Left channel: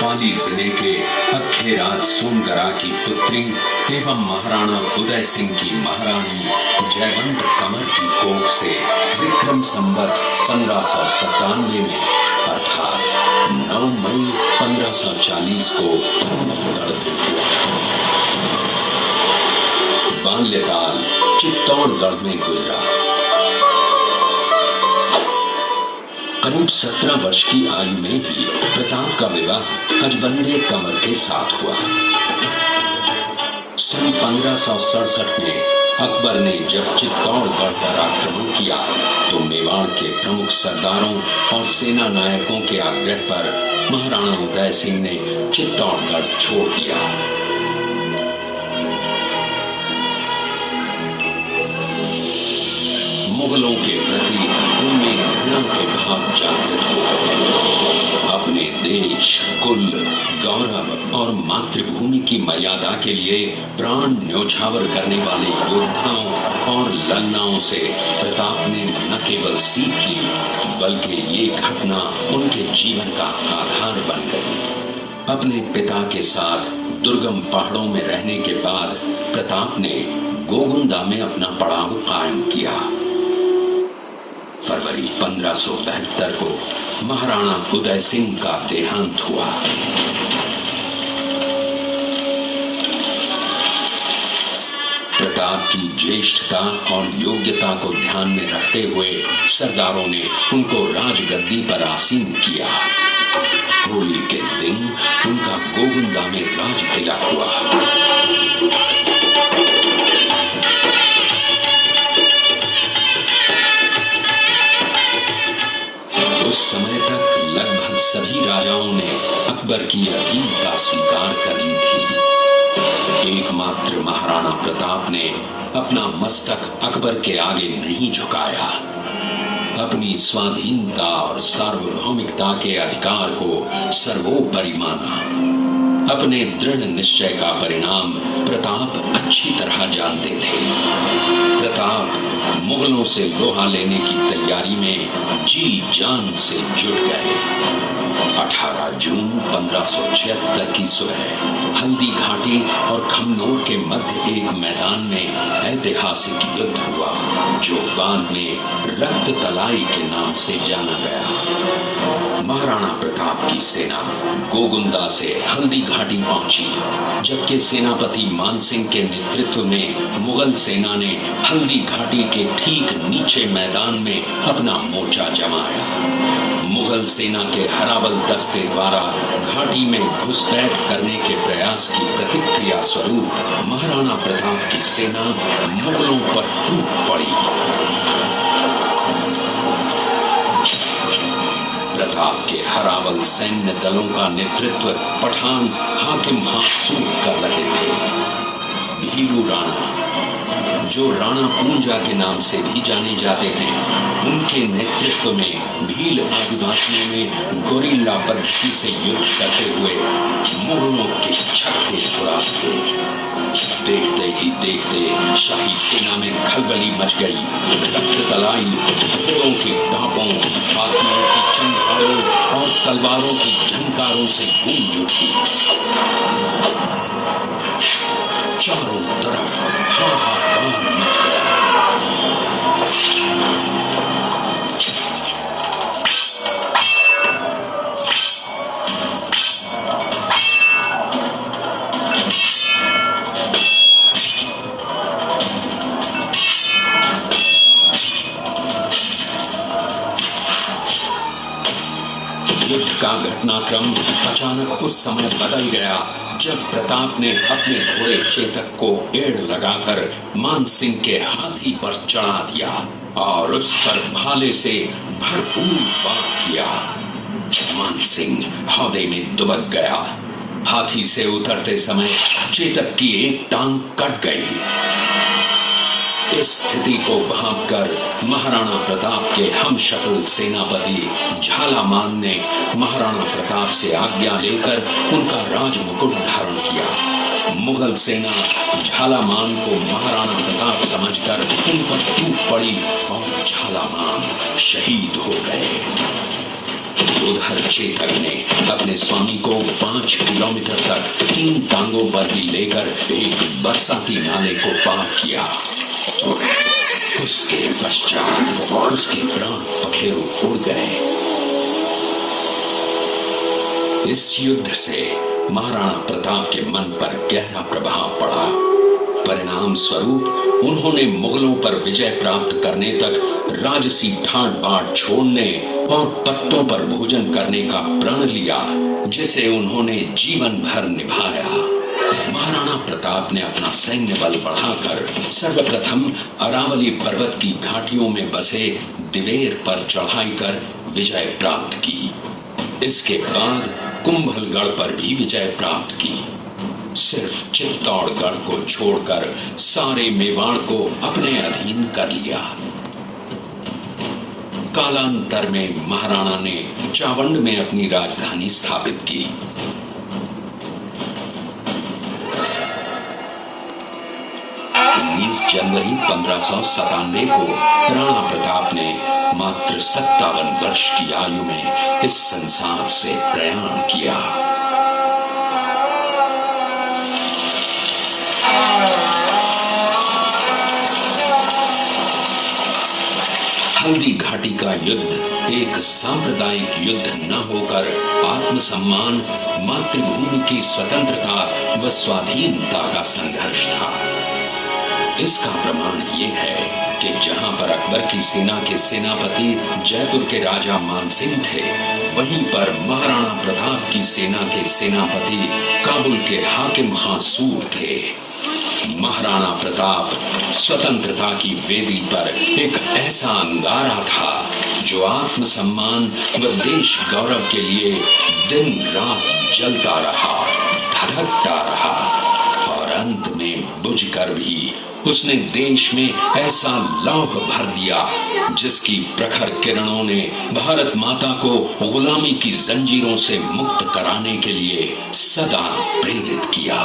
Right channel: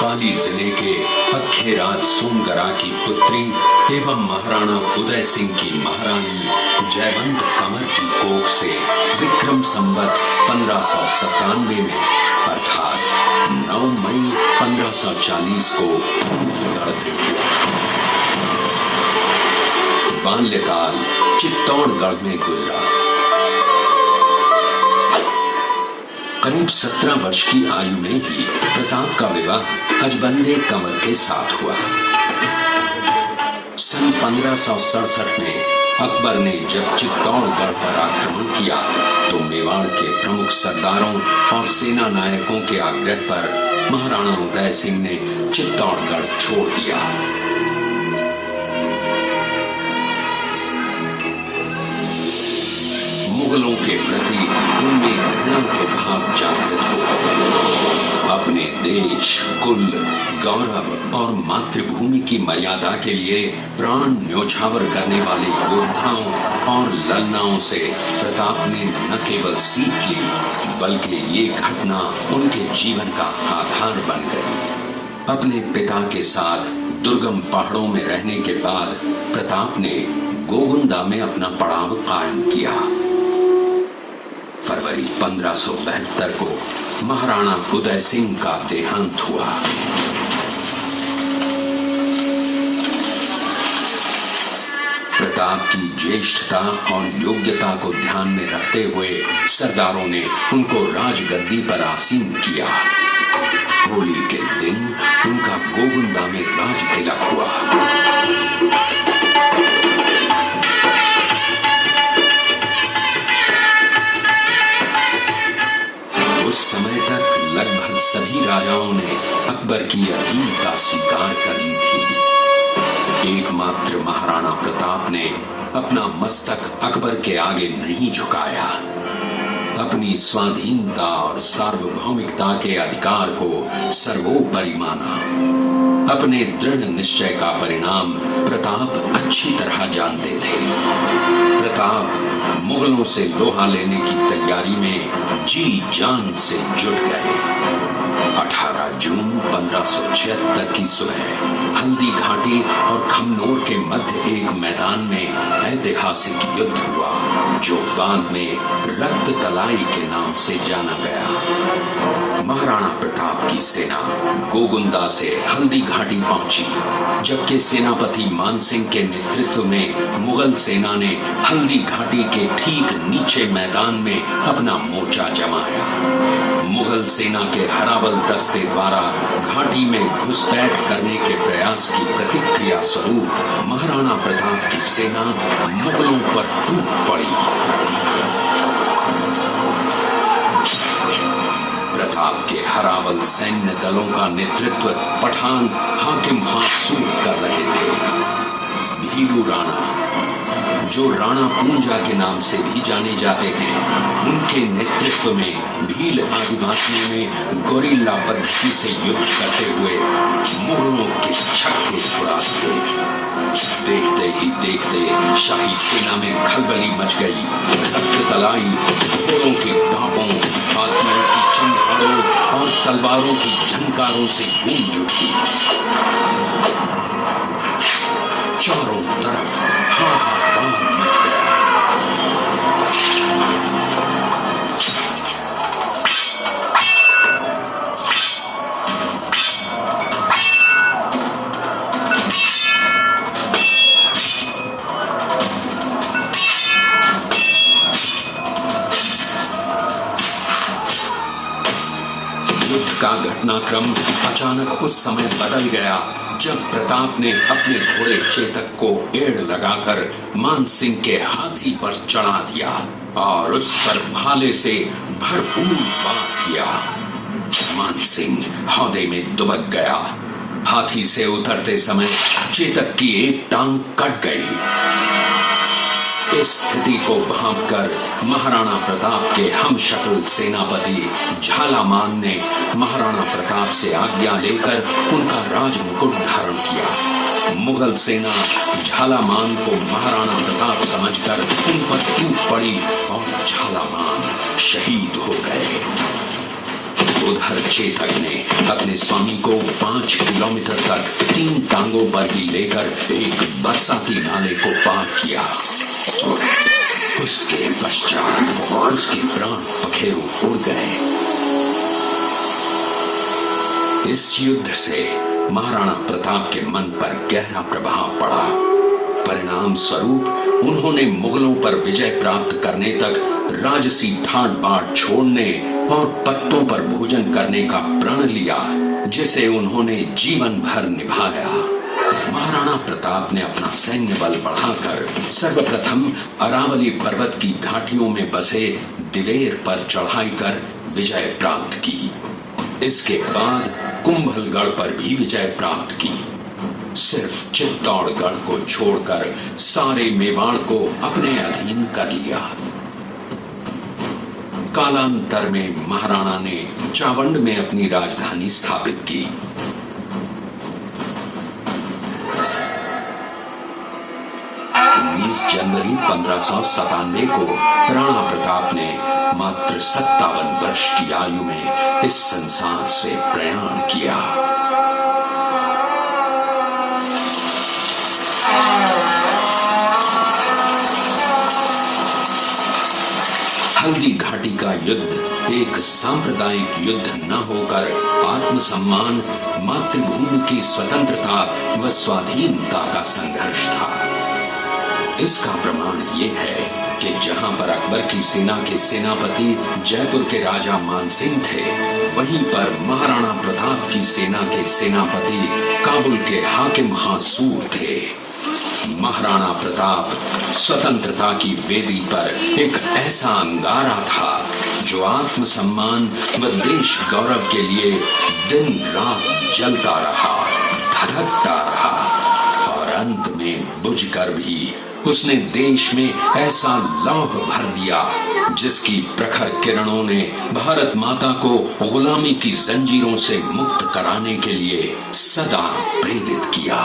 पाली जिले के अखेराज सोनगरा की पुत्री एवं महाराणा उदय सिंह की महारानी जयवंत कमर की कोख से विक्रम संवत 1597 में अर्थात 9 मई 1540 को बाल्यकाल चित्तौड़गढ़ में गुजरा। करीब 17 वर्ष की आयु में ही प्रताप का विवाह अजबंदे कमर के साथ हुआ। सन 1567 में अकबर ने जब चित्तौड़गढ़ पर आक्रमण किया तो मेवाड़ के प्रमुख सरदारों और सेना नायकों के आग्रह पर महाराणा उदय सिंह ने चित्तौड़गढ़ छोड़ दिया। मुगलों के प्रति उनमें घृणा के भाव जागृत हो अपने देश, कुल, गौरव और मातृभूमि की मर्यादा के लिए प्राण न्योछावर करने वाले योद्धाओं और लन्नाओं से प्रताप ने न केवल सीख ली बल्कि ये घटना उनके जीवन का आधार बन गई। अपने पिता के साथ दुर्गम पहाड़ों में रहने के बाद प्रताप ने गोविंदा में अपना पड़ाव कायम किया। फरवरी 1572 को महाराणा उदय सिंह का देहांत हुआ। प्रताप की ज्येष्ठता और योग्यता को ध्यान में रखते हुए सरदारों ने उनको राजगद्दी पर आसीन किया। होली के दिन उनका गोविंदा में राज तिलक हुआ। उस समय तक लगभग सभी राजाओं ने अकबर की अधीनता स्वीकार कर ली थी। एकमात्र महाराणा प्रताप ने अपना मस्तक अकबर के आगे नहीं झुकाया। अपनी स्वाधीनता और सार्वभौमिकता के अधिकार को सर्वोपरि माना। अपने दृढ़ निश्चय का परिणाम प्रताप अच्छी तरह जानते थे। प्रताप मुगलों से लोहा लेने की तैयारी में जी जान से जुट गए। 18 जून 1576 की सुबह हल्दी घाटी और खमनोर के मध्य एक मैदान में ऐतिहासिक युद्ध हुआ जो बाद में रक्त तलाई के नाम से जाना गया। महाराणा प्रताप की सेना गोगुंदा से हल्दी घाटी पहुंची, जबकि सेनापति मानसिंह के नेतृत्व में मुगल सेना ने हल्दी घाटी के ठीक नीचे मैदान में अपना मोर्चा जमाया। मुगल सेना के हरावल दस्ते द्वारा घाटी में घुसपैठ करने के प्रयास की प्रतिक्रिया स्वरूप महाराणा प्रताप की सेना मुगलों पर टूट पड़ी। प्रताप के हरावल सैन्य दलों का नेतृत्व पठान हाकिम हासूर कर रहे थे। भीलू राणा, जो राणा पूंजा के नाम से भी जाने जाते हैं, उनके नेतृत्व में भील आदिवासियों ने गोरिल्ला पद्धति से युद्ध करते हुए मुगलों के छक्के छुड़ा दिए। देखते ही देखते शाही सेना में खलबली मच गई। रक्त तलाई घोड़ों की टापों, हाथियों की चंगारों और तलवारों की झंकारों से गूंज उठी। चारों तरफ हाहाकार मच गया। का घटनाक्रम अचानक उस समय बदल गया जब प्रताप ने अपने घोड़े चेतक को एड़ लगाकर मानसिंह के हाथी पर चढ़ा दिया और उस पर भाले से भरपूर वार किया। मानसिंह हौदे में दुबक गया। हाथी से उतरते समय चेतक की एक टांग कट गई। इस स्थिति को भांपकर महाराणा प्रताप के हमशक्ल सेनापति झालामान ने महाराणा प्रताप से आज्ञा लेकर उनका राजमुकुट धारण किया। मुगल सेना झालामान को महाराणा प्रताप समझकर उन पर टूट पड़ी और झालामान शहीद हो गए। उधर चेतक ने अपने स्वामी को 5 किलोमीटर तक 3 टांगों पर ही लेकर एक बरसाती नाले को पार किया। उसके पश्चात उसके प्राण पखेरु उड़ गए। इस युद्ध से महाराणा प्रताप के मन पर गहरा प्रभाव पड़ा। परिणाम स्वरूप उन्होंने मुगलों पर विजय प्राप्त करने तक राजसी ठाट बाट छोड़ने और पत्तों पर भोजन करने का प्रण लिया, जिसे उन्होंने जीवन भर निभाया। महाराणा प्रताप ने अपना सैन्य बल बढ़ाकर सर्वप्रथम अरावली पर्वत की घाटियों में बसे दिवेर पर चढ़ाई कर विजय प्राप्त की। इसके बाद कुंभलगढ़ पर भी विजय प्राप्त की। सिर्फ चित्तौड़गढ़ को छोड़कर सारे मेवाड़ को अपने अधीन कर लिया। कालांतर में महाराणा ने चावंड में अपनी राजधानी स्थापित की। 19 जनवरी 1597 को राणा प्रताप ने मात्र 57 वर्ष की आयु में इस संसार से प्रयाण किया। हल्दी घाटी का युद्ध एक सांप्रदायिक युद्ध न होकर आत्मसम्मान, मातृभूमि की स्वतंत्रता व स्वाधीनता का संघर्ष था। इसका प्रमाण ये है कि जहां पर अकबर की सेना के सेनापति जयपुर के राजा मानसिंह थे, वहीं पर महाराणा प्रताप की सेना के सेनापति काबुल के हाकिम खां सूर थे। महाराणा प्रताप स्वतंत्रता की वेदी पर एक ऐसा अंगारा था जो आत्मसम्मान व देश गौरव के लिए दिन रात जलता रहा, धधकता रहा और अंत में बुझकर भी उसने देश में ऐसा लौह भर दिया जिसकी प्रखर किरणों ने भारत माता को गुलामी की जंजीरों से मुक्त कराने के लिए सदा प्रेरित किया।